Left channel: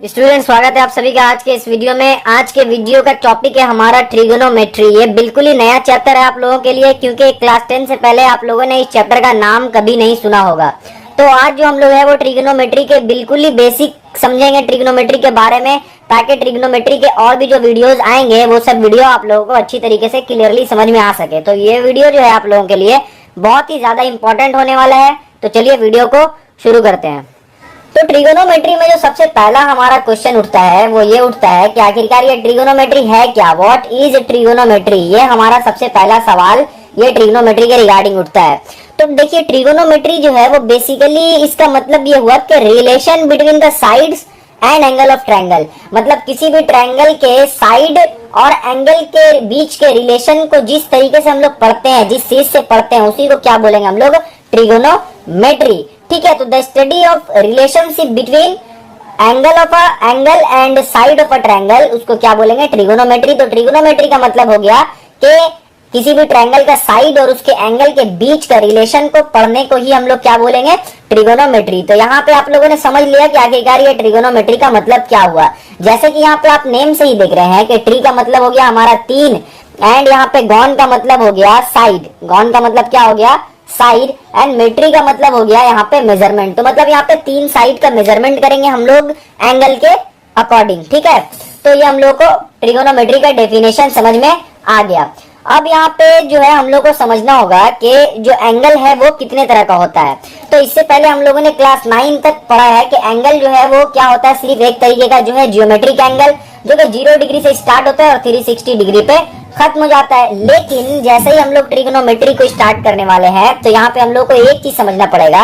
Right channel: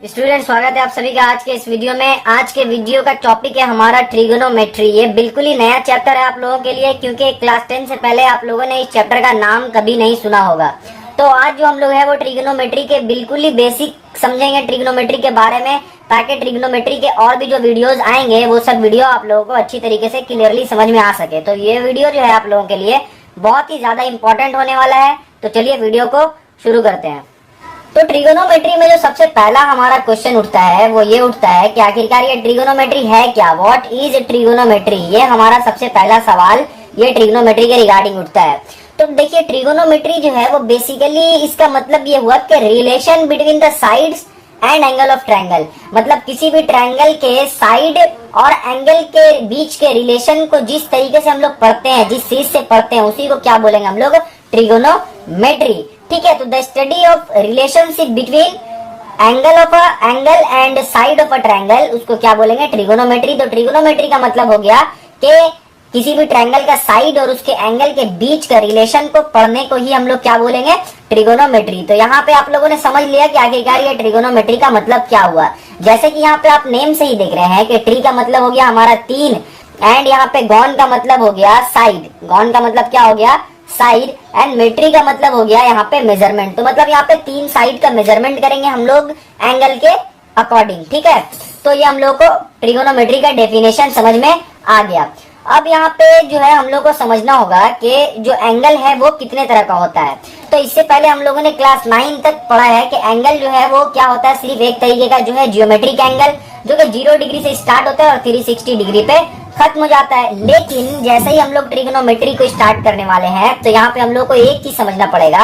Student, स्वागत है आप सभी का आज के इस वीडियो में। आज के वीडियो का टॉपिक है हमारा ट्रिगोनोमेट्री। ये बिल्कुल ही नया चैप्टर है आप लोगों के लिए, क्योंकि क्लास 10 से पहले आप लोगों ने इस चैप्टर का नाम कभी नहीं सुना होगा। तो आज जो हम लोग है वो ट्रिगोनोमेट्री के बिल्कुल ही बेसिक समझेंगे ट्रिगोनोमेट्री के बारे में, ताकि ट्रिगोनोमेट्री के और भी जो वीडियोस आएंगे वो सब वीडियो आप लोगों को अच्छी तरीके से क्लियरली समझ में आ सके। तो ये वीडियो जो है आप लोगों के लिए बहुत ही ज्यादा इंपॉर्टेंट होने वाला है। तो चलिए वीडियो को शुरू करते हैं। तो ट्रिगोनोमेट्री में जो सबसे पहला हमारा क्वेश्चन उठता है वो ये उठता है कि आखिरकार ये ट्रिगोनोमेट्री है क्या, व्हाट इज ट्रिगोनोमेट्री। ये हमारा सबसे पहला सवाल ये ट्रिगोनोमेट्री के रिगार्डिंग उठता है। तो देखिए, ट्रिगोनोमेट्री जो है वो बेसिकली इसका मतलब ये हुआ कि relation between the sides and angle of triangle, मतलब किसी भी ट्रायंगल के साइड और एंगल के बीच के रिलेशन को जिस तरीके से हम लोग पढ़ते हैं, जिस चीज से पढ़ते हैं, उसी को क्या बोलेंगे हम लोग, ट्रिगोनोमेट्री। ठीक है, तो the study of relationship between angle and side of a triangle, उसको क्या बोलेंगे, ट्रिगोनोमेट्री। तो ट्रिगोनोमेट्री का मतलब हो गया कि किसी भी ट्रायंगल का साइड और उसके एंगल के बीच का रिलेशन को पढ़ने को ही हम लोग क्या बोलेंगे, ट्रिगोनोमेट्री। तो यहाँ पे आप लोगों ने समझ लिया कि आखिरकार ये ट्रिगोनोमेट्री का मतलब क्या हुआ। जैसे कि यहाँ पे आप नेम से ही देख रहे हैं कि ट्री का मतलब हो गया हमारा 3, एंड यहाँ पे गॉन का मतलब हो गया साइड। गॉन का मतलब क्या हो गया, साइड, एंड मेट्री का मतलब हो गया यहाँ पे मेजरमेंट। तो मतलब यहाँ पे 3 साइड का मेजरमेंट करेंगे हम लोग एंगल के अकॉर्डिंग। ठीक है, तो ये हम लोग को ट्रिगोनोमेट्री का डेफिनेशन समझ में आ गया। अब यहाँ पे जो है हम लोग को समझना होगा कि जो एंगल है वो कितने तरह का होता है। तो इससे पहले हम लोगों ने क्लास 9 तक पढ़ा है कि एंगल जो है वो क्या होता है, सिर्फ एक तरीके का जो है जियोमेट्रिक एंगल, जो कि 0 डिग्री से स्टार्ट होता है और 360 डिग्री पे खत्म हो जाता है। लेकिन जैसे ही हम लोग ट्रिगोनोमेट्री को स्टार्ट करने वाले हैं तो यहाँ पे हम लोग को एक चीज समझना पड़ेगा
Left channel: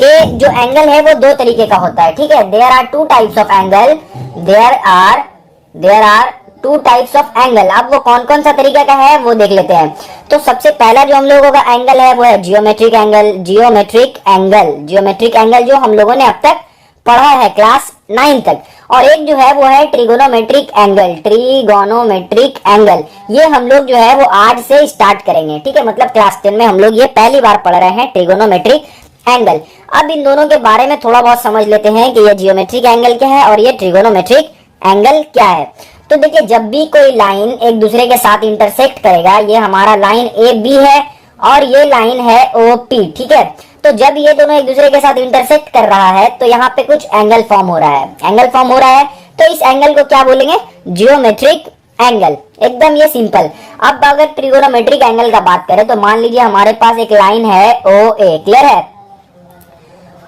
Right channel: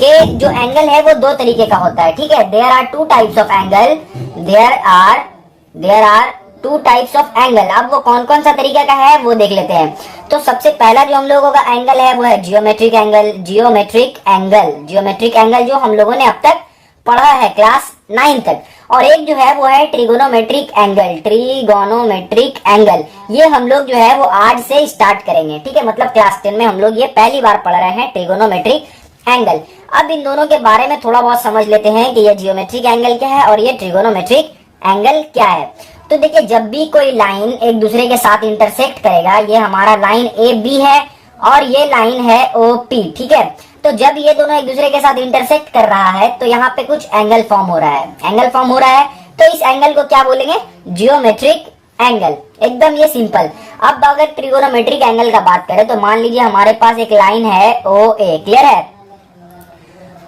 कि जो एंगल है वो 2 तरीके का होता है। ठीक है, there are 2 types of angle, there are 2 types of angle. अब वो कौन कौन सा तरीका का है वो देख लेते हैं। तो सबसे पहला जो हम लोगों का एंगल है वो है जियोमेट्रिक एंगल। जियोमेट्रिक एंगल जो हम लोगों ने अब तक पढ़ा है क्लास 9 तक। और एक जो है वो है ट्रिगोनोमेट्रिक एंगल। ट्रिगोनोमेट्रिक एंगल ये हम लोग जो है वो आज से स्टार्ट करेंगे। ठीक है, मतलब क्लास 10 में हम लोग ये पहली बार पढ़ रहे हैं ट्रिगोनोमेट्रिक एंगल। अब इन दोनों के बारे में थोड़ा बहुत समझ लेते हैं कि ये जियोमेट्रिक एंगल क्या है और ये ट्रिगोनोमेट्रिक एंगल क्या है। तो देखिए, जब भी कोई लाइन एक दूसरे के साथ इंटरसेक्ट करेगा, ये हमारा लाइन ए बी है और ये लाइन है ओ पी। ठीक है, तो जब ये दोनों एक दूसरे के साथ इंटरसेक्ट कर रहा है तो यहाँ पे कुछ एंगल फॉर्म हो रहा है। तो इस एंगल को क्या बोलेंगे, जियोमेट्रिक एंगल। एकदम ये सिंपल। अब अगर ट्रिगोनोमेट्रिक एंगल का बात करें तो मान लीजिए हमारे पास एक लाइन है ओ ए, क्लियर है।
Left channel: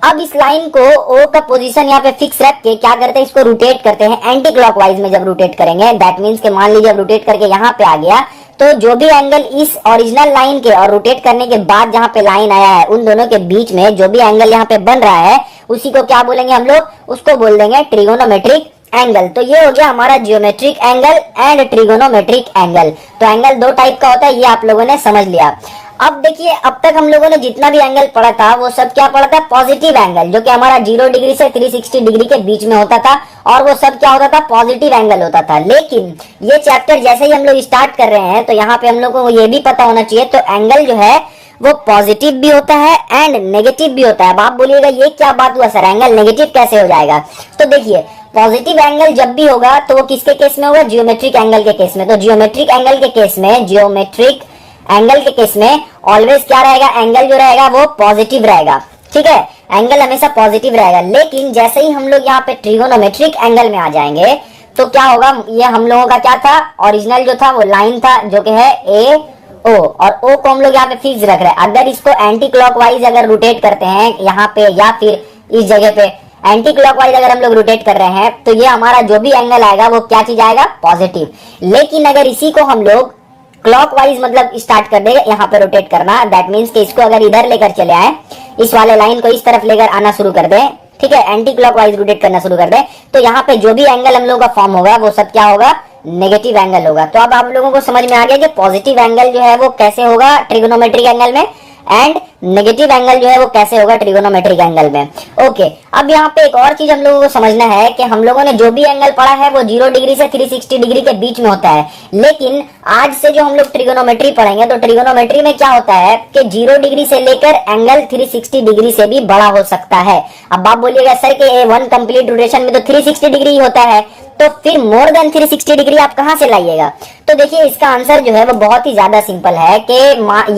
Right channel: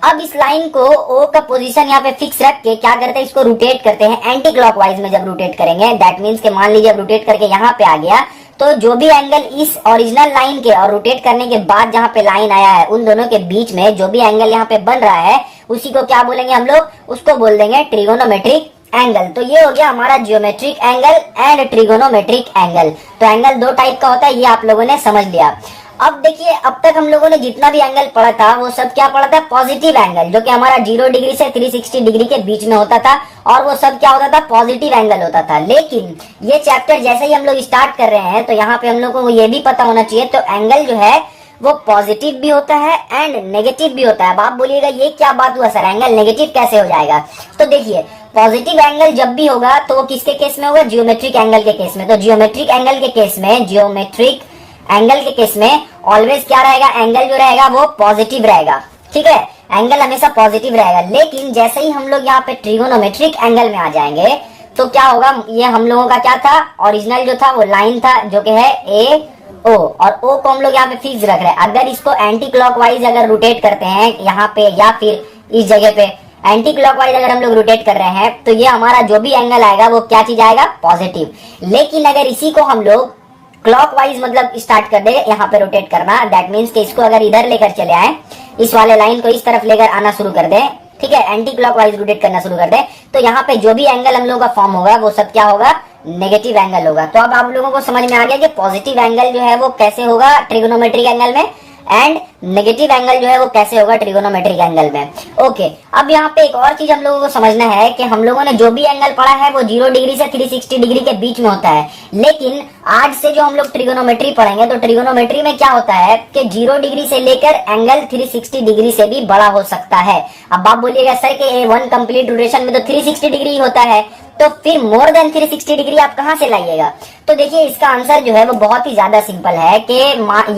अब इस लाइन को ओ का पोजीशन यहाँ पे फिक्स रख के क्या करते हैं, इसको रोटेट करते हैं एंटी क्लॉकवाइज में। जब रोटेट करेंगे दैट मीन्स के मान लीजिए अब रोटेट करके यहाँ पे आ गया, तो जो भी एंगल इस ओरिजिनल लाइन के और रोटेट करने के बाद जहाँ पे लाइन आया है उन दोनों के बीच में जो भी एंगल यहाँ पे बन रहा है उसी को क्या बोलेंगे हम लोग, उसको बोल देंगे ट्रिगोनोमेट्रिक एंगल। तो ये हो गया हमारा geometric angle and trigonometric angle. तो एंगल 2 टाइप का होता है, ये आप लोगों ने समझ लिया। अब देखिए, अब तक हम लोगों ने जितना भी एंगल पढ़ा था वो सब क्या पढ़ा था, पॉजिटिव एंगल, जो कि हमारा 0 डिग्री से 360 डिग्री के बीच में होता था, और वो सब क्या होता था, पॉजिटिव एंगल होता था। लेकिन ये चैप्टर जैसे ही हम लोग स्टार्ट कर रहे हैं तो यहाँ पे हम लोग को ये भी पता होना चाहिए, तो एंगल जो है वो पॉजिटिव भी होता है एंड नेगेटिव भी होता है। अब आप बोलिएगा ये क्या बात हुआ सर, एंगल नेगेटिव कैसे हो जाएगा। तो देखिए, पॉजिटिव एंगल जब भी होगा तो वो किसके केस में होगा, जियोमेट्रिक एंगल के केस में। तो जियोमेट्रिक एंगल के केस में ऑलवेज क्या रहेगा, एंगल जो रहेगा वो पॉजिटिव रहेगा। ठीक है, एंगल हमेशा पॉजिटिव रहेगा। लेकिन जैसे ही हम लोग यहाँ पे ट्रिगोनोमेट्रिक एंगल में आ जाएंगे तो क्या होगा, ये हम लोगों का क्या था, ओरिजिनल जो था वो लाइन था जो कि है ए ओ, और ओ को हम लोग यहाँ पे फिक्स रख रहे हैं। अगर इसको एंटी क्लॉकवाइज अगर रोटेट करते हैं यहाँ पे या फिर इस जगह पे एंटी क्लॉकवाइज अगर हम लोग रोटेट कर रहे हैं तो ये हमारा जो भी एंगल आएगा वो क्या चीज आएगा, पॉजिटिव। लेकिन अगर इसी को हम लोग क्लॉकवाइज मतलब स्टार्ट कर देंगे यहाँ पे रोटेट करना, दैट मीन्स कि इसको अगर इधर लेकर चले आए, इस वाले लाइन को इस तरफ लेकर आना शुरू कर दें, ठीक है, एंटी क्लॉकवाइज रोटेट करना शुरू कर दें, तो यहाँ पे जो भी एंगल हम लोगों का फॉर्म होगा वो सब क्या होगा, नेगेटिव एंगल होगा। तो अब आप लोगों को समझ में आ गया कि पॉजिटिव एंगल जो है वो कैसे होगा ट्रिगोनोमेट्रिक एंगल में, एंड नेगेटिव एंगल जो है वो कैसे होगा ट्रिगोनोमेट्रिक एंगल में। ओके, अब यहाँ पे एक और चीज हम लोगों को समझना है कि हम लोगों ने जो भी एंगल पढ़ा है वो 0 डिग्री से 360 डिग्री के बीच में होता है, लेकिन आज से जो हम लोग ट्रिगोनोमेट्री पढ़ेंगे तो ट्रिगोनोमेट्री में क्या होता है कि 0 डिग्री से लेकर एंगल 360 डिग्री से भी बड़ा हो सकता है। अब आप बोलिएगा सर कि वन कंप्लीट रोटेशन में तो 360 डिग्री होता है, तो फिर मोर देन 360 डिग्री आप कहां से लाइएगा? तो देखिए इसका आंसर जो है वो बहुत ही ज्यादा सिंपल है कि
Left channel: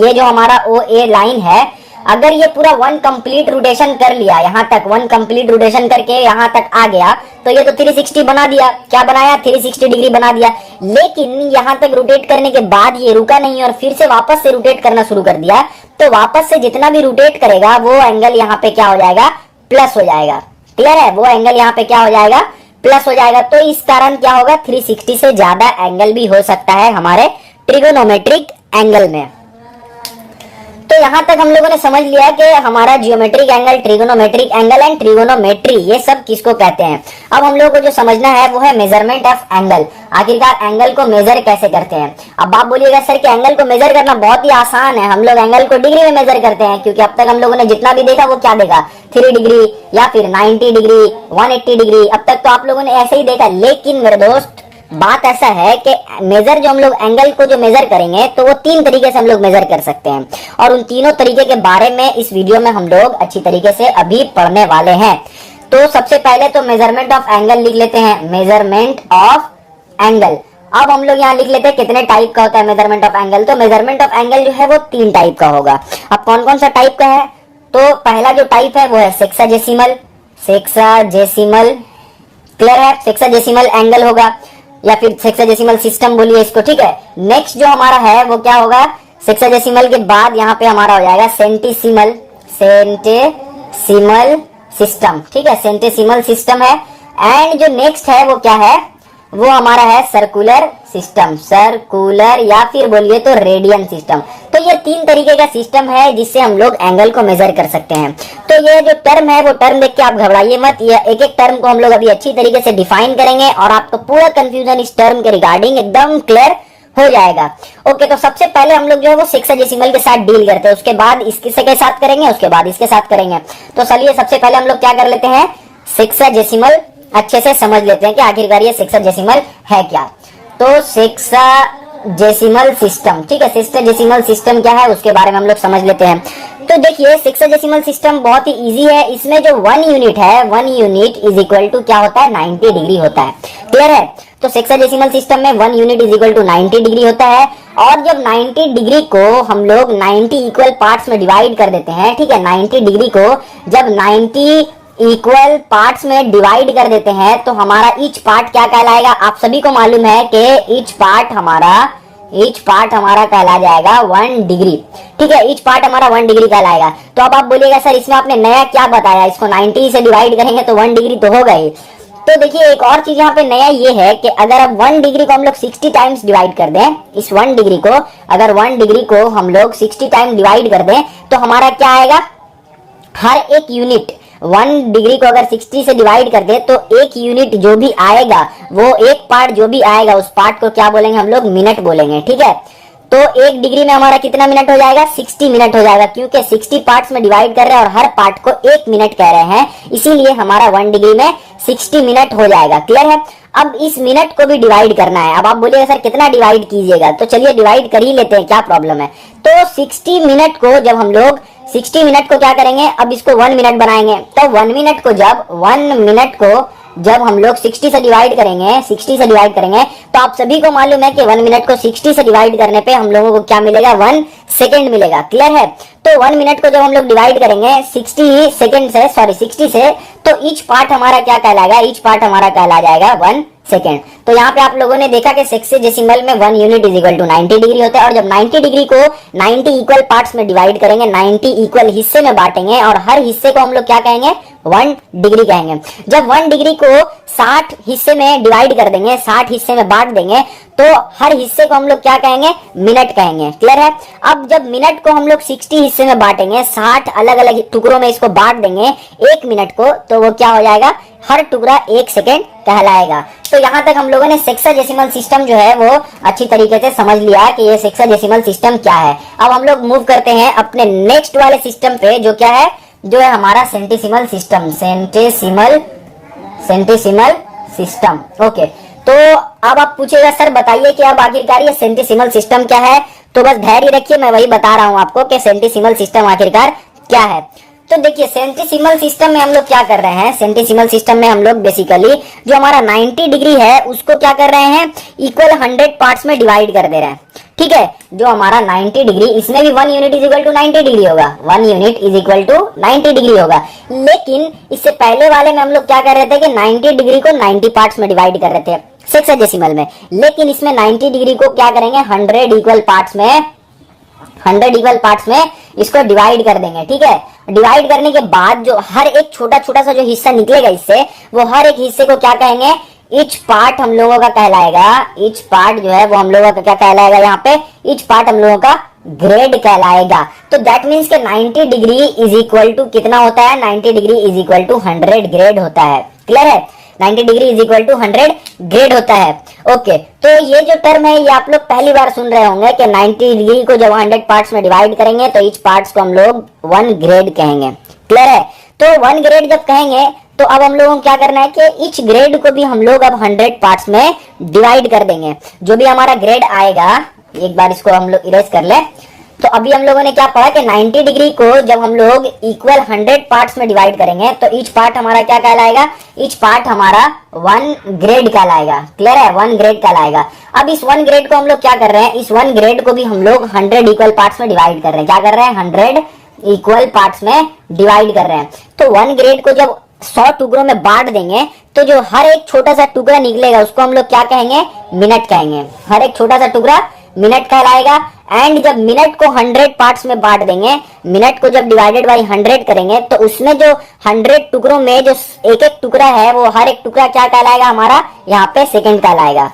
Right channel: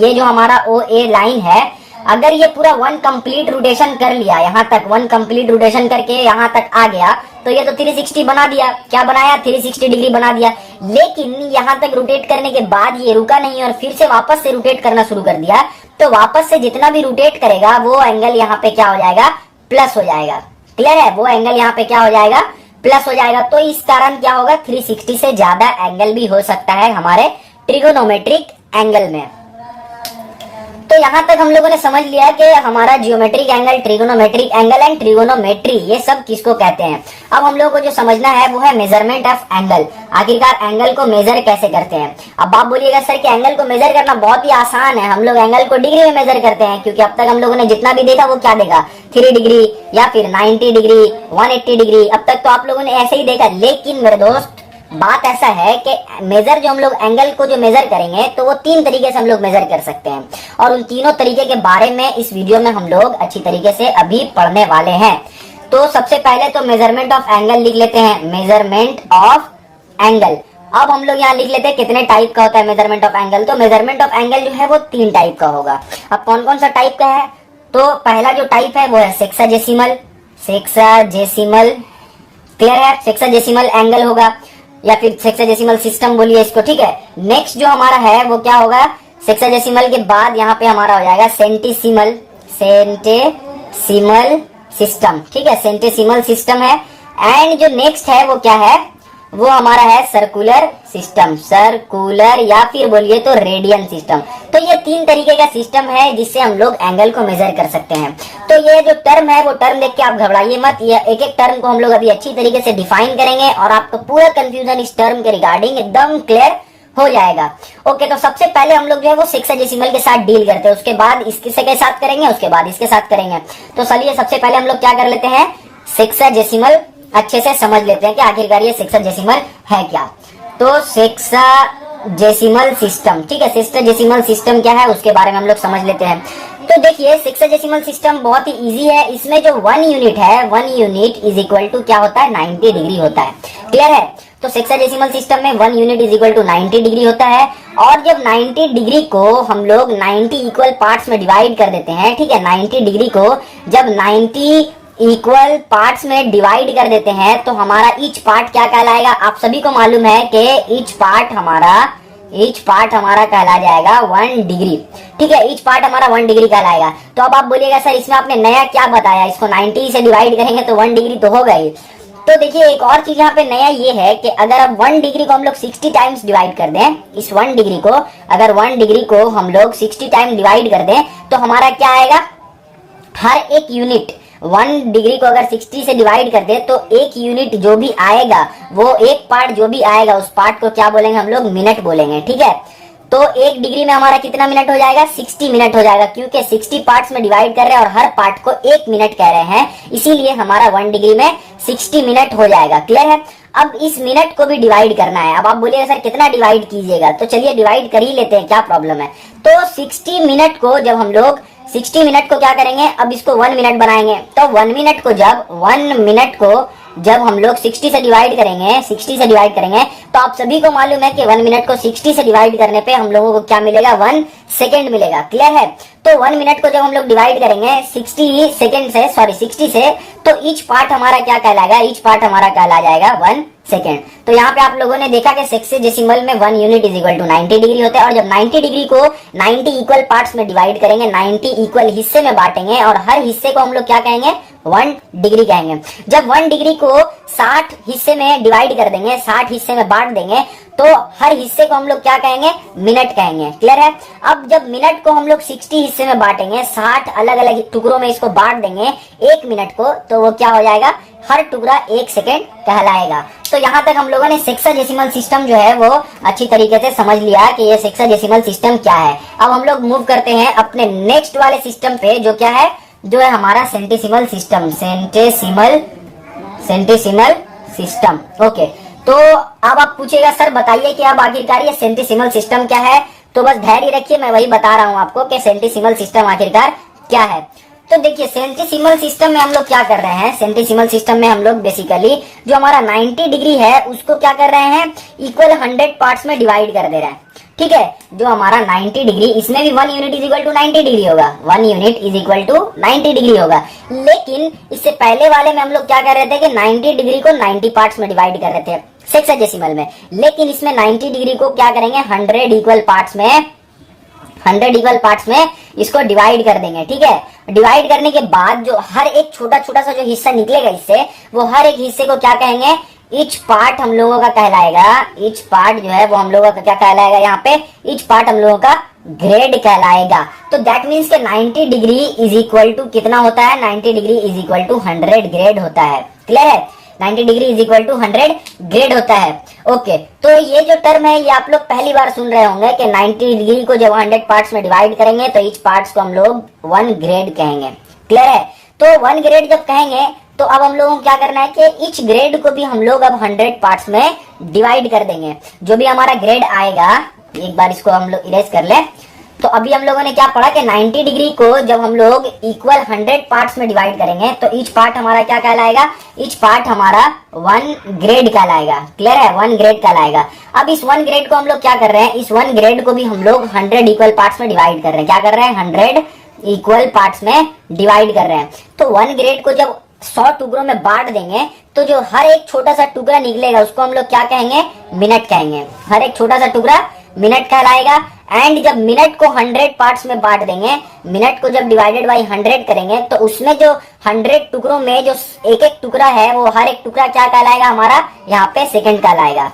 ये जो हमारा ओ ए लाइन है, अगर ये पूरा वन कंप्लीट रोटेशन कर लिया, यहाँ तक वन कंप्लीट रोटेशन करके यहाँ तक आ गया, तो ये तो 360 बना दिया। क्या बनाया? 360 डिग्री बना दिया। लेकिन यहाँ तक रोटेट करने के बाद ये रुका नहीं और फिर से वापस से रोटेट करना शुरू कर दिया, तो वापस से जितना भी रोटेट करेगा वो एंगल यहाँ पे क्या हो जाएगा? प्लस हो जाएगा। क्लियर है? वो एंगल यहाँ पे क्या हो जाएगा? प्लस हो जाएगा। तो इस कारण क्या होगा? 360 से ज्यादा एंगल भी हो सकता है हमारे ट्रिगोनोमेट्रिक एंगल में। तो यहाँ तक हम लोगों ने समझ लिया कि हमारा geometric angle, trigonometric angle and trigonometry ये सब किसको कहते हैं। अब हम लोगों को जो समझना है वो है मेजरमेंट ऑफ एंगल। आखिरकार एंगल को मेजर कैसे करते हैं। अब आप बोलिएगा सर कि एंगल को मेजर करना बहुत ही आसान है, हम लोग एंगल को डिग्री में मेजर करते हैं, क्योंकि अब तक हम लोगों ने जितना भी देखा वो क्या देखा? 3 डिग्री या फिर 90 डिग्री, 180 डिग्री, अब तक तो आप लोगों ने ऐसे ही देखा। लेकिन मेरे दोस्त बात ऐसा है कि मेजर जो हम लोग एंगल को जो मेजर करेंगे तो वो 3 तरीके से हम लोग मेजर कर सकते हैं, और उन तीनों तरीके के बारे में इस वीडियो में हम लोग अच्छी तरीके से अभी पढ़ने वाले हैं। तो सबसे पहले तो मेजरमेंट ऑफ एंगल लिख लेते हैं, मेजरमेंट ऑफ एंगल। अब हम लोग यहाँ लिख लेते हैं कितने टाइप का होता है मेजरमेंट ऑफ एंगल। तो मेजरमेंट ऑफ एंगल जो है वो 3 टाइप का होगा। अब कौन कौन सा टाइप का है? तो पहला जो टाइप है वो है सेक्साजेसिमल। सेक्साजेसिमल क्लियर है? सेक्साजेसिमल एंगल होगा या फिर सेक्साजेसिमल सिस्टम बोलिए इसको, ठीक है। नेक्स्ट जो हमारा है वो क्या होगा? सेक्साजेसिमल के बाद यहाँ पे हमारा हो जाएगा सेंटेसिमल। सेंटेसिमल सिस्टम, ठीक है, सेंटेसिमल सिस्टम है। एंड जो नेक्स्ट है वो क्या है? वो हमारा है सर्कुलर सिस्टम, सर्कुलर या फिर बोलिए तो रेडियन सिस्टम। तो ये 3 तरीके का सिस्टम है जिससे हम लोग एंगल को मेजर कर सकते हैं। तो ये जो टर्म है वो टर्म देख के आप घबराइए मत, ये एक एक टर्म को हम लोग अभी अच्छी तरीके से डिफाइन करेंगे और आपको पूरा कंफ्यूजन इस टर्म के रिगार्डिंग एकदम क्लियर हो जाएगा। ओके, तो सबसे पहले हम लोग जो है वो सेक्साजेसिमल के साथ डील करते हैं, उसके बाद इसके के साथ करेंगे, उसके बाद इसके साथ करेंगे। तो चलिए सबसे पहले हम लोग क्या कर लेते हैं, सेक्साजेसिमल अच्छे से समझ लेते हैं कि आखिरकार ये सेक्साजेसिमल है क्या। तो सेक्साजेसिमल सिस्टम, ठीक है, सेक्साजेसिमल सिस्टम क्या है उसके बारे में हम लोग समझ लेते हैं। तो देखिए सेक्साजेसिमल सिस्टम बहुत ही इजी है। इसमें जो 1 यूनिट है, 1 यूनिट इज इक्वल टू क्या होता है? 90 डिग्री होता है। क्लियर है? तो सेक्साजेसिमल सिस्टम में 1 unit is equal to 90 degree होता है। और जब 90 डिग्री को हम लोग 90 इक्वल पार्ट्स में डिवाइड कर देते हैं, ठीक है, 90 डिग्री को जब 90 इक्वल पार्ट्स में डिवाइड कर देते हैं तो हमारा ईच पार्ट क्या कहलाएगा? आप सभी को मालूम है कि ईच पार्ट हमारा कहला जाएगा 1 डिग्री, ठीक है, ईच पार्ट हमारा 1 डिग्री कहलाएगा। तो अब आप बोलिएगा सर इसमें आपने नया क्या बताया, इसको 90 से डिवाइड करेंगे तो 1 डिग्री तो होगा ही। तो देखिए एक और चीज यहाँ पे नया ये है कि अगर अब 1 डिग्री को हम लोग 60 टाइम्स डिवाइड कर दें, इस 1 डिग्री को अगर 1 डिग्री को हम लोग 60 टाइम डिवाइड कर दें तो हमारा क्या आएगा? हर एक यूनिट 1 डिग्री को अगर 60 से डिवाइड कर दे तो एक यूनिट जो भी आएगा, वो एक पार्ट जो भी आएगा उस पार्ट को क्या बोलेंगे हम लोग? मिनट बोलेंगे, ठीक है। तो 1 डिग्री में हमारा कितना मिनट हो जाएगा? 60 मिनट हो जाएगा, क्योंकि 60 पार्ट्स में डिवाइड कर रहे हैं और हर पार्ट को 1 मिनट कह रहे हैं, इसीलिए हमारा 1 डिग्री में 60 मिनट हो जाएगा। क्लियर है? अब इस मिनट को भी डिवाइड करना है। अब आप बोलिएगा सर कितना डिवाइड कीजिएगा, तो चलिए डिवाइड कर ही लेते हैं, क्या प्रॉब्लम है। तो 60 मिनट को जब हम लोग 60 मिनट को क्या करेंगे? अब इसको 1 मिनट बनाएंगे। तो 1 मिनट को जब हम लोग 60 से डिवाइड करेंगे तो आप सभी को मालूम है कि 1 मिनट को 60 से डिवाइड करने पे हम लोगों को क्या मिलेगा? 1 सेकेंड मिलेगा। क्लियर है? तो 1 मिनट को जब हम लोग डिवाइड करेंगे 60 से, तो ईच पार्ट हमारा क्या कहलाएगा? ईच पार्ट हमारा कहला जाएगा 1 सेकेंड। तो यहाँ पे आप लोगों ने देखा कि सेक्साजेसिमल में 1 unit is equal to 90 degree होता है, और जब 90 डिग्री को 90 इक्वल पार्ट्स में डिवाइड करेंगे, 90 इक्वल हिस्से में बांटेंगे और हर हिस्से को हम लोग क्या कहेंगे? 1 डिग्री कहेंगे। जब 1 डिग्री को 60 हिस्से में डिवाइड कर देंगे, 60 हिस्से में बांट देंगे, तो हर हिस्से को हम लोग क्या कहेंगे, मिनट कहेंगे। क्लियर है। अब जब मिनट को हम लोग 60 हिस्से में बांटेंगे, 60 अलग अलग टुकड़ों में इसको बांट देंगे एक मिनट को, तो वो क्या हो जाएगा, हर टुकड़ा 1 सेकेंड कहलाएगा। तो यहाँ तक हम लोगों ने सेक्साडेसिमल सिस्टम जो है वो अच्छी तरीके से समझ लिया कि ये सेक्साडेसिमल सिस्टम क्या है। अब हम लोग मूव करते हैं अपने नेक्स्ट वाले सिस्टम पे, जो क्या है, जो है हमारा centesimal system. Centesimal system. Okay, तो अब आप पूछेगा सर बताइए कि अब आखिरकार ये सेंटेसिमल सिस्टम क्या है। तो बस धैर्य रखिए, मैं वही बता रहा हूं आपको कि सेंटेसिमल सिस्टम आखिरकार क्या है। तो देखिए सेंटेसिमल सिस्टम में हम लोग क्या कर रहे हैं, सेंटेसिमल सिस्टम में हम लोग बेसिकली जो हमारा 90 डिग्री है उसको क्या कर रहे हैं, इक्वल 100 पार्ट्स में डिवाइड कर दे रहे हैं। ठीक है, जो हमारा 90 डिग्री, इसमें भी 1 unit is equal to 90 degree होगा, 1 unit is equal to 90 degree होगा। लेकिन इससे पहले वाले में हम लोग क्या कर रहे थे कि 90 डिग्री को 90 पार्ट्स में डिवाइड कर रहे थे सेक्साडेसिमल में, लेकिन इसमें 90 डिग्री को क्या करेंगे, 100 इक्वल पार्ट्स में इसको डिवाइड कर देंगे। ठीक है, डिवाइड करने के बाद जो हर एक छोटा छोटा सा जो हिस्सा निकलेगा इससे, वो हर एक हिस्से को क्या कहेंगे, ईच पार्ट हम लोगों का कहलाएगा। ईच पार्ट जो है वो हम लोगों का क्या कहलाएगा, यहाँ पे ईच पार्ट हम लोगों का ग्रेड कहलाएगा। तो दैट मीन्स के 90 डिग्री इज इक्वल टू कितना होता है, 90 degree is equal to 100 grade होता है। क्लियर है, 90 degree is equal to 100 grade होता है। ओके, तो ये जो टर्म है ये आप लोग पहली बार सुन रहे होंगे कि 90 डिग्री को जब 100 पार्ट्स में डिवाइड करेंगे तो ईच पार्ट्स को हम लोग 1 ग्रेड कहेंगे। क्लियर है, तो 1 ग्रेड जब कहेंगे तो अब हम लोगों को क्या करना है कि ईच ग्रेड को भी हम लोग अब 100 पार्ट्स में डिवाइड कर देंगे। जो भी हमारा ग्रेड आएगा, एक बार इसको हम लोग इरेज कर ले। तो अभी हम लोगों ने क्या पढ़ा कि 90 डिग्री को जब हम लोग इक्वल 100 पार्ट्स में डिवाइड करेंगे तो ईच पार्ट हमारा क्या कहलाएगा, ईच पार्ट हमारा 1 ग्रेड कहलाएगा। क्लियर है, 1 ग्रेड कहलाएगा। अब इस 1 ग्रेड को हम लोग क्या कर रहे हैं, इस 1 ग्रेड को भी हम लोग 100 इक्वल पार्ट्स में डिवाइड कर रहे हैं। क्या कर रहे हैं, 100 इक्वल पार्ट्स में डिवाइड कर रहे हैं। तो 1 ग्रेड को जब 100 टुकड़ों में बांट देंगे तो जो हर एक छोटा सा टुकड़ा निकलेगा उसको हम लोग क्या कहेंगे, मिनट कहेंगे। हर एक छोटा सा टुकड़ा मिनट कहलाएगा। एंड जब मिनट को 100 पार्ट्स में बांट देंगे, मिनट को जब डिवाइडेड बाई 100 करेंगे तो उसमें जो 100 टुकड़ों में जो एक एक टुकड़ा है वो हर एक टुकड़ा क्या कहलाएगा, हमारा यहाँ पे सेकंड कहलाएगा।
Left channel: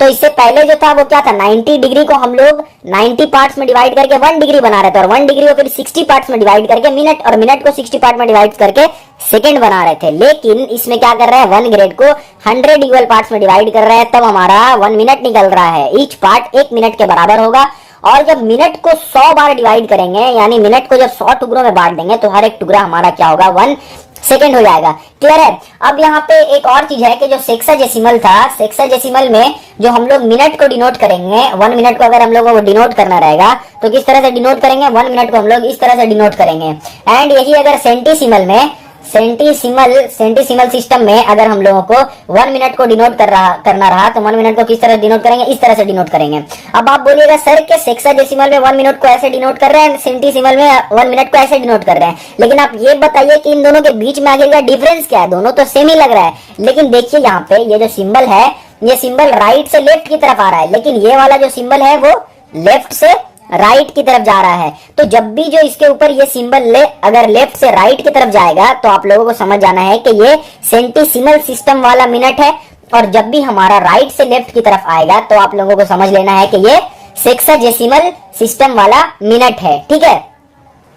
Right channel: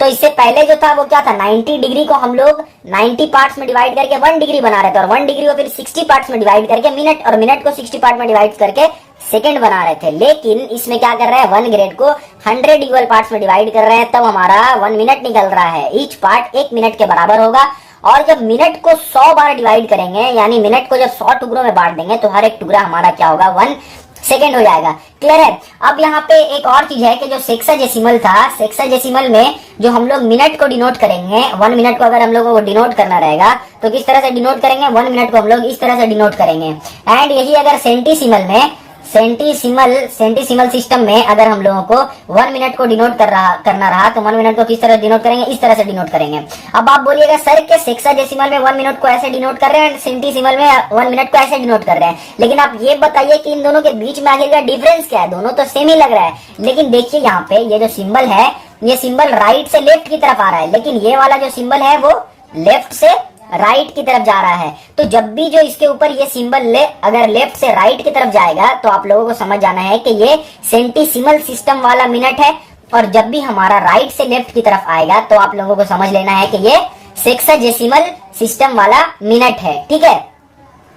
तो इससे पहले जो था वो क्या था, 90 डिग्री को हम लोग 90 पार्ट्स में डिवाइड करके 1 डिग्री बना रहे थे, और 1 डिग्री को फिर 60 पार्ट्स में डिवाइड करके मिनट, और मिनट को 60 पार्ट में डिवाइड करके सेकंड बना रहे थे। लेकिन इसमें क्या कर रहे हैं, 1 ग्रेड को 100 इक्वल पार्ट्स में डिवाइड कर रहे हैं, तब हमारा 1 मिनट निकल रहा है। ईच पार्ट 1 मिनट के बराबर होगा। और जब मिनट को 100 बार डिवाइड करेंगे, यानी मिनट को जब 100 टुकड़ों में बांट देंगे तो हर एक टुकड़ा हमारा क्या होगा, 1 सेकेंड हो जाएगा। क्लियर है। अब यहाँ पे एक और चीज है कि जो सेक्साडेसिमल था, सेक्साडेसिमल में जो हम लोग मिनट को डिनोट करेंगे, 1 मिनट को अगर हम लोगों को डिनोट करना रहेगा तो किस तरह से डिनोट करेंगे, 1 मिनट को हम लोग इस तरह से डिनोट करेंगे। एंड यही अगर सेंटीसिमल में, सेंटीसिमल सिस्टम में अगर हम लोगों को 1 मिनट को डिनोट करना रहा तो 1 मिनट को किस तरह डिनोट करेंगे, इस तरह से डिनोट करेंगे। अब आप बोलिएगा सर के सेक्साडेसिमल में 1 मिनट को ऐसे डिनोट कर रहे हैं, सेंटीसिमल में 1 मिनट को ऐसे डिनोट कर रहे हैं, लेकिन आप ये बताइए कि इन दोनों के बीच में आखिर का डिफरेंस क्या है। दोनों तो सेम ही लग रहा है, लेकिन देखिए यहाँ पे ये जो सिंबल है, ये सिंबल राइट से लेफ्ट की तरफ आ रहा है, लेकिन ये वाला जो सिंबल है वो लेफ्ट से राइट की तरफ जा रहा है। तो जब भी जो इसके ऊपर ये सिंबल अगर लेफ्ट से राइट की तरफ जाएगा तो आप लोगों को समझ जाना है कि ये सेंटीसिमल सिस्टम वाला मिनट है, और जब भी हमारा राइट से लेफ्ट की तरफ आएगा तो आप लोगों को समझ लेना है कि ये सेक्साडेसिमल सिस्टम वाला मिनट है। ठीक है।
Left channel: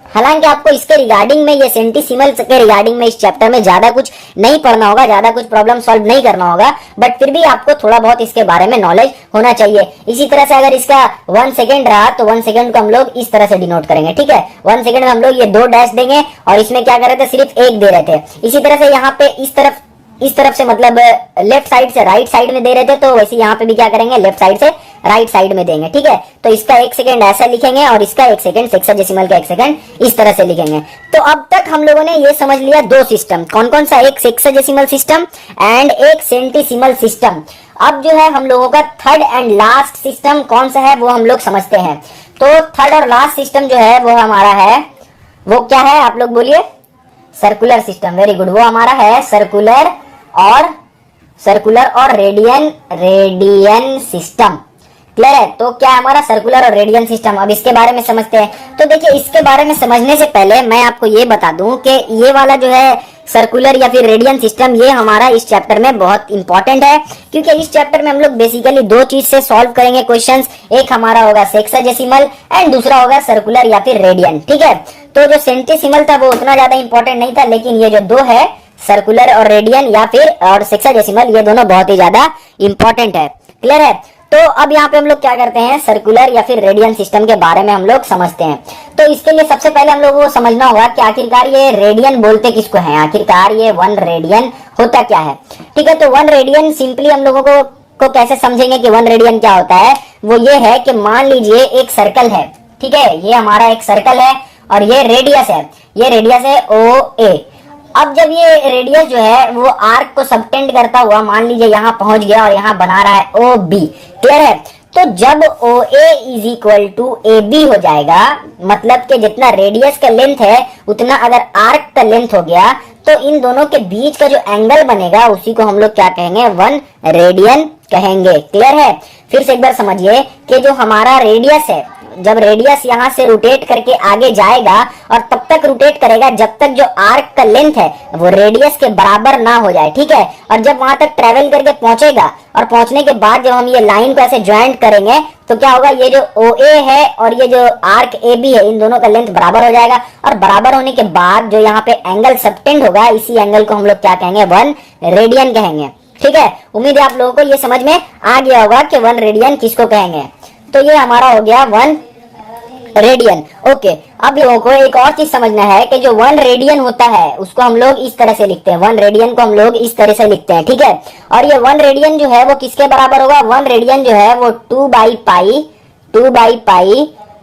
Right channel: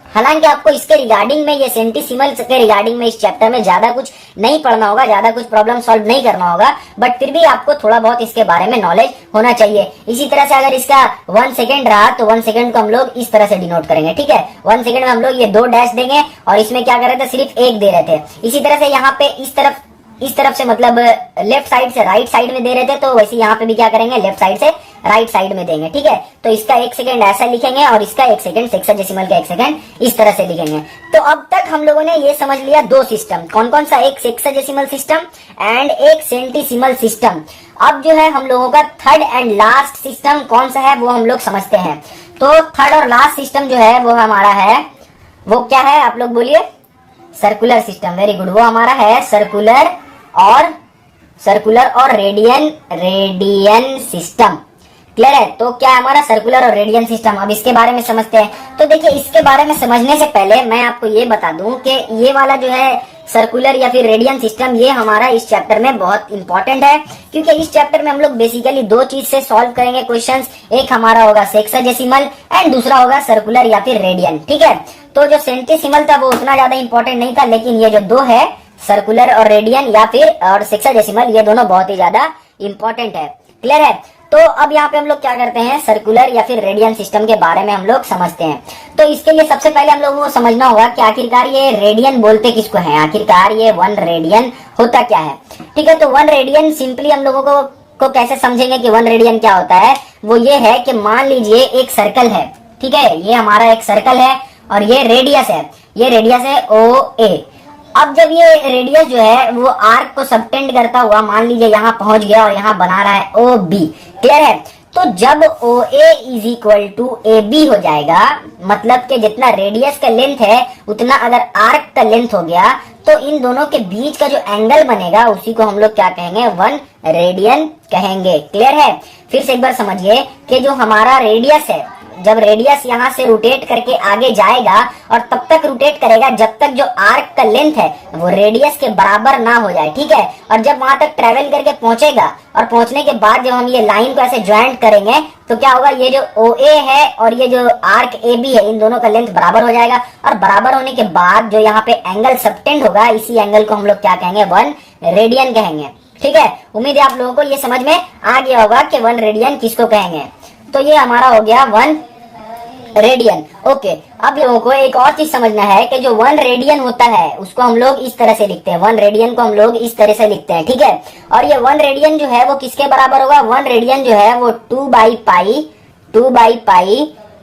हालांकि आपको इसके रिगार्डिंग में, ये सेंटीसिमल के रिगार्डिंग में इस चैप्टर में ज्यादा कुछ नहीं पढ़ना होगा, ज्यादा कुछ प्रॉब्लम सॉल्व नहीं करना होगा, बट फिर भी आपको थोड़ा बहुत इसके बारे में नॉलेज होना चाहिए। इसी तरह से अगर इसका 1 सेकेंड रहा तो 1 सेकेंड को हम लोग इस तरह से डिनोट करेंगे। ठीक है, 1 सेकेंड में हम लोग ये 2 डैश देंगे, और इसमें क्या कर रहे थे, सिर्फ 1 दे रहे थे। इसी तरह से यहाँ पे इस तरफ से मतलब लेफ्ट साइड से राइट साइड में दे रहे थे, तो वैसे यहाँ पे भी क्या करेंगे, लेफ्ट साइड से राइट साइड में देंगे। ठीक है, तो इसका 1 सेकेंड ऐसा लिखेंगे और इसका 1 सेकेंड, सेक्साडेसिमल का 1 सेकेंड इस तरह से लिखेंगे। तो अब तक हम लोगों ने ये समझ लिया 2 सिस्टम, कौन कौन सा, एक सेक्साडेसिमल सिस्टम एंड एक सेंटीसिमल सिस्टम। अब जो है हम लोगों का थर्ड एंड लास्ट सिस्टम कौन सा है वो हम लोग समझते हैं। तो थर्ड और लास्ट सिस्टम जो है वो हमारा है, वो क्या है आप लोग बोलिए, सर्कुलर सिस्टम। वेरी गुड, वो हमारा है सर्कुलर और रेडियन सिस्टम। क्लियर है। तो क्या है हमारा सर्कुलर और रेडियन सिस्टम। अब इसके बारे में समझते हैं। तो देखिए, इसके बारे में समझने से पहले मैं आपको ये बता दूं कि ये वाला जो है सर्कुलर या फिर रेडियन सिस्टम, ये हमारा इस चैप्टर में बहुत इंपॉर्टेंट है, क्योंकि इस चैप्टर में हम लोग बेसिकली दो चीज से सॉल्व करेंगे क्वेश्चंस। एक हमारा होगा सेक्साडेसिमल एंड दूसरा होगा सर्कुलर या फिर रेडियन। ठीक है, तो जो सेंटेसिमल था वो उतना ज्यादा इंपॉर्टेंट नहीं था, लेकिन ये जो दो है सर्कुलर और रेडियन या फिर और सेक्साडेसिमल, ये दोनों बहुत ही ज्यादा इंपॉर्टेंट है। क्लियर है? तो अब यहाँ पे हम लोग क्या करते हैं, सर्कुलर या फिर रेडियन सिस्टम के बारे में हम लोग समझते हैं। तो इसके लिए सबसे पहले हम लोग को समझना होगा कि आखिरकार ये रेडियन बोलते किसको है, आखिरकार ये 1 रेडियन होता क्या है। ठीक है, तो 1 रेडियन सिंपली हम लोगों को कैसे समझेंगे कि 1 रेडियन क्या होता है। वो ये है कि मान लीजिए एक सर्कल है, ठीक है, ये हमारा एक सर्कल है और ये रेडियस है, ये रेडियस है OA। अब जब ये रेडियस जो है वो आर्क को सबटेंड करता हुआ मान लीजिए यहाँ पहुंच गया और यहाँ बना रहा है OB। क्लियर है? तो जब OA is equal to AB हो जाएगा, मतलब कि जितना रेडियस का लेंथ है उतना अगर आर्क का लेंथ हो गया, तो इन दोनों के बीच का जो एंगल बनेगा उसी को हम लोग क्या कहेंगे, 1 रेडियन कहेंगे। क्लियर है? फिर से एक बार समझिए कि जो हमारा रेडियस है, जब रेडियस यहाँ से रोटेट करके आगे जाएगा और तब तक रोटेट करेगा जब तक जो आर्क का लेंथ है वो रेडियस के बराबर ना हो जाए। ठीक है, और जब वहां तक ट्रेवल करके पहुंचेगा और पहुंचने के बाद जब हम ये लाइन को ऐसे ज्वाइंट करेंगे तो क्या होगा, ये जो OA है और ये जो आर्क AB है, इन दोनों का लेंथ बराबर हो जाएगा। और बराबर होने के बाद जो यहाँ पे एंगल सबटेंड होगा, इसी एंगल को हम लोग क्या कहेंगे, 1 रेडियन कहेंगे। ठीक है, उम्मीद है आप लोगों को ये समझ में आ गया होगा कि 1 रेडियन किसको कहेंगे। तो ये हमारा हो गया 1 रेडियन। ओके, अब लोगों को एक और चीज समझना है कि जो 1 रेडियन होता है उसको हम लोग इस तरह से लिखते हैं, 1 रेडियन को हम लोग इस तरह से लिखते हैं। ठीक है, और ये 1 रेडियन जो है वो किसके बराबर होगा, 1 रेडियन जो है वो 2 by pi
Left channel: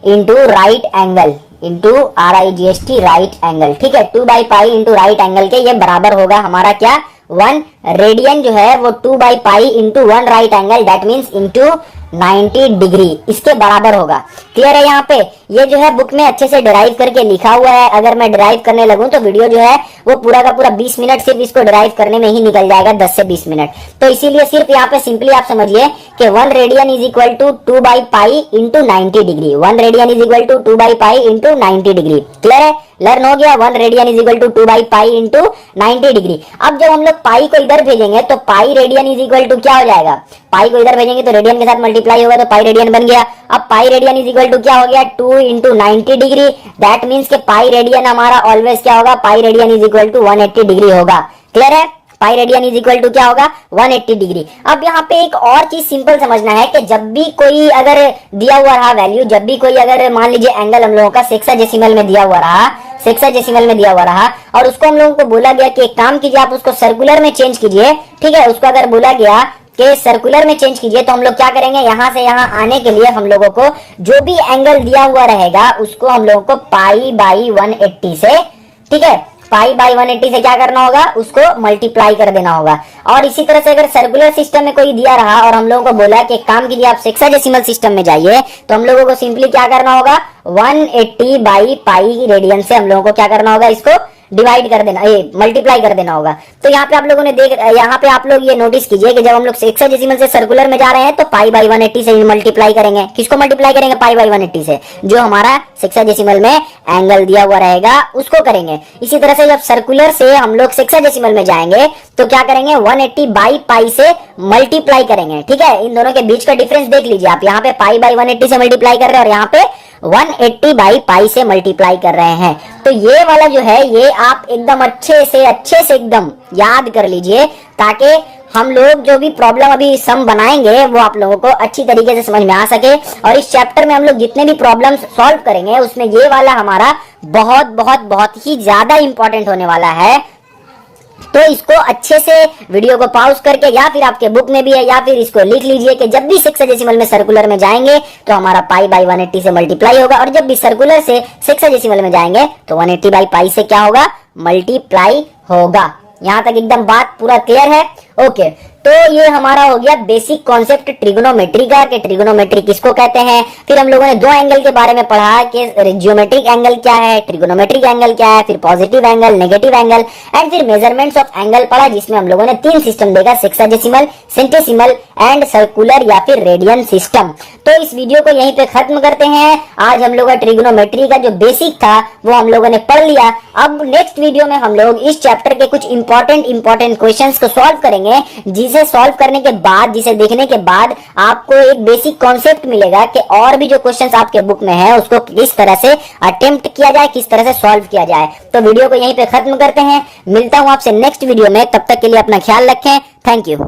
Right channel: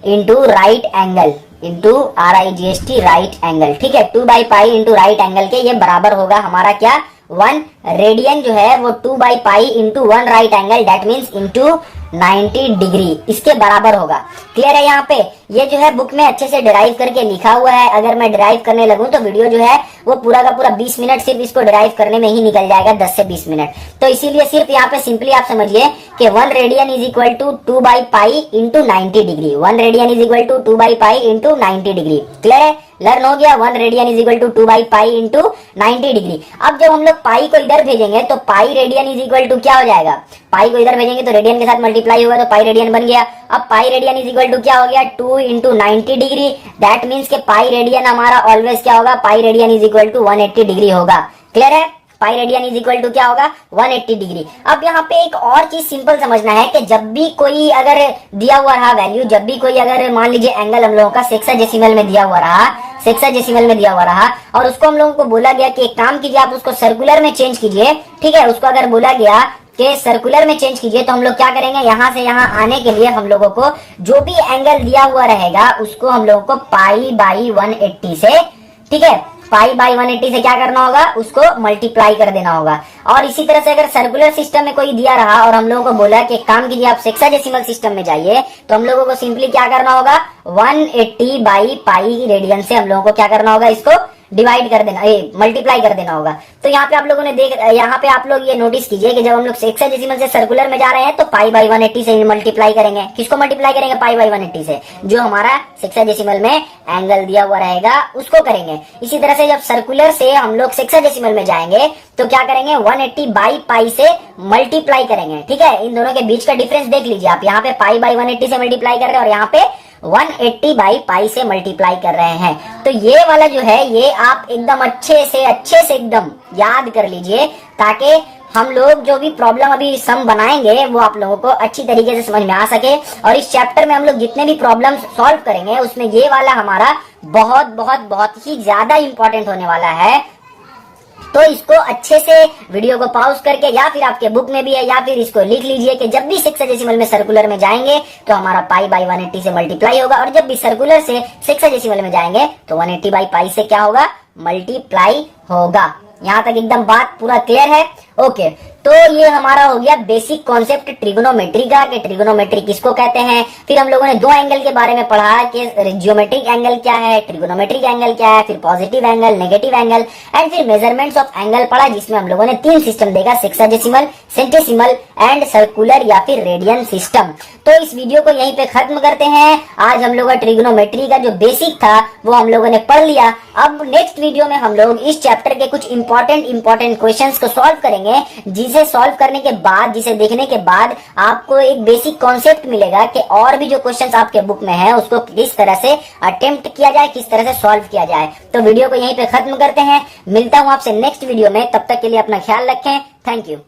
into right angle, into RIGHT right angle. ठीक है, 2 by pi into right angle के ये बराबर होगा हमारा क्या, 1 रेडियन जो है वो 2 by pi into 1 right angle, that means into 90 degree, इसके बराबर होगा। क्लियर है? यहाँ पे ये जो है बुक में अच्छे से डिराइव करके लिखा हुआ है। अगर मैं डिराइव करने लगूं तो वीडियो जो है वो पूरा का पूरा 20 मिनट सिर्फ इसको डिराइव करने में ही निकल जाएगा, 10 से 20 मिनट। तो इसीलिए सिर्फ यहाँ पे सिंपली आप समझिए कि 1 radian is equal to 2 by pi into 90 degree, 1 radian is equal to 2 by pi into 90 degree. Clear है? लर्न हो गया, 1 radian is equal to 2 by pi into 90 degree. अब जब हम लोग पाई को इधर भेजेंगे तो pi radian is equal to क्या हो जाएगा, पाई को इधर भेजेंगे तो रेडियन के साथ मल्टीप्लाई होगा तो पाई रेडियन बन गया। अब pi radian is equal to क्या हो गया, 2 इंटू 90 डिग्री, दैट मीन्स के पाई रेडियन हमारा ऑलवेज क्या होगा, pi radian is equal to 180 degree होगा। क्लियर है? Pi radian is equal to क्या होगा, 180 डिग्री। अब यहाँ पे एक और चीज सिंपल समझना है कि जब भी कोई अगर दिया हुआ रहा वैल्यू, जब भी कोई अगर मान लीजिए एंगल हम लोगों का सेक्साडेसिमल में दिया हुआ रहा, सेक्साडेसिमल में दिया हुआ रहा और उसको हम लोगों को बोला गया कि एक काम कीजिए आप उसको सर्कुलर में चेंज कीजिए। ठीक है, उसको अगर बोला गया कि सर्कुलर में चेंज कीजिए तो हम लोग क्या करेंगे, यहाँ से यहाँ आने के लिए हम लोगों को जो भी एंगल दिया हुआ रहेगा उसको हम लोगों को पाई बाई 180 से, ठीक है, पाई बाई 180 से क्या करना होगा, उसको मल्टीप्लाई कर देना होगा। और इसी तरह से अगर सर्कुलर सिस्टम में कोई दिया रहा और हम लोगों को बोला कि काम कीजिए आप सेक्साडेसिमल सिस्टम में जाइए, तो हम लोगों को सिंपली क्या करना होगा, 180 बाई पाई रेडियन से हम लोगों को क्या करना होगा, इसको डिवाइड कर देना, मल्टीप्लाई कर देना होगा। तो यहाँ पे आप लोगों ने यहाँ पे आप लोग ये नोटिस कीजिए कि जब हम लोग सेक्साडेसिमल से सर्कुलर में जा रहे हैं तो पाई बाई 180 से मल्टीप्लाई करेंगे। किसको मल्टीप्लाई करेंगे, पाई बाई 180 से, जो हमारा सेक्साडेसिमल में एंगल दिया हुआ रहेगा उसको करेंगे। इसी तरह से जब सर्कुलर से हम लोग सेक्साडेसिमल में जाएंगे तो क्या करेंगे, 180 बाई पाई से मल्टीप्लाई करेंगे। ठीक है, इन दोनों के बीच का डिफरेंस देख लीजिए आप, यहाँ पे पाई बाई 180 से मल्टीप्लाई कर रहे हैं और यहाँ पे 180 बाई पाई से मल्टीप्लाई कर रहे हैं। तो ये वाला जो है ये आप एकदम अच्छे से एकदम याद कर लीजिए, ताकि हम लोग जो भी प्रॉब्लम अभी सम बनाएंगे वो आप लोगों को अच्छी तरीके से समझ में आ सके। और इस चैप्टर में हम लोग जितने भी प्रॉब्लम सॉल्व करेंगे उसमें ये वाला हमारा बहुत बहुत बहुत ही ज्यादा इंपॉर्टेंट होने वाला है। तो इसको अच्छे से वीडियो को पॉज करके या फिर आपके बुक में भी है या फिर इसको लिख लीजिए कि जब भी सेक्साडेसिमल में सर्कुलर में जाएंगे तो हमारा पाई बाई 180 से मल्टीप्लाई होगा और जब भी सर्कुलर से सेक्साडेसिमल में जाएंगे तो 180 बाई पाई से क्या होगा, मल्टीप्लाई होगा। यहाँ तक एकदम बात पूरा क्लियर है? ओके, तो ये हमारा हो गया बेसिक कॉन्सेप्ट ट्रिगोनोमेट्री का, कि ट्रिगोनोमेट्री किसको कहते हैं। फिर हम लोगों ने दो एंगल के बारे में पढ़ा कि जियोमेट्रिक एंगल क्या है, ट्रिगोनोमेट्रिक एंगल क्या है, फिर positive angle, negative angle and फिर मेजरमेंट्स ऑफ एंगल पढ़ा, जिसमें हम लोगों ने तीन सिस्टम देखा, सेक्साडेसिमल, सेंटेसिमल एंड सर्कुलर या फिर रेडियन सिस्टम। तो इस वीडियो को यहीं पे खत्म करते हैं। आज हम लोग ट्रिगोनोमेट्री का जो बेसिक था वो हम लोगों ने पढ़ लिया। अब नेक्स्ट वीडियो में हम लोग इस चैप्टर के कुछ इंपॉर्टेंट क्वेश्चंस को सॉल्व करेंगे, जिसे सॉल्व करने के बाद, जिसे देखने के बाद आपको एक बेसिक कॉन्सेप्ट मिलेगा कि और भी जो क्वेश्चंस आपके बुक में है उसको किस तरह से अटेम्प्ट किया जाए, किस तरह से सॉल्व किया जाए। तो वीडियो को यहीं पे खत्म करते हैं। मिलता हूं आपसे नेक्स्ट वीडियो में, तब तक के लिए अपना ख्याल रखें। Thank you.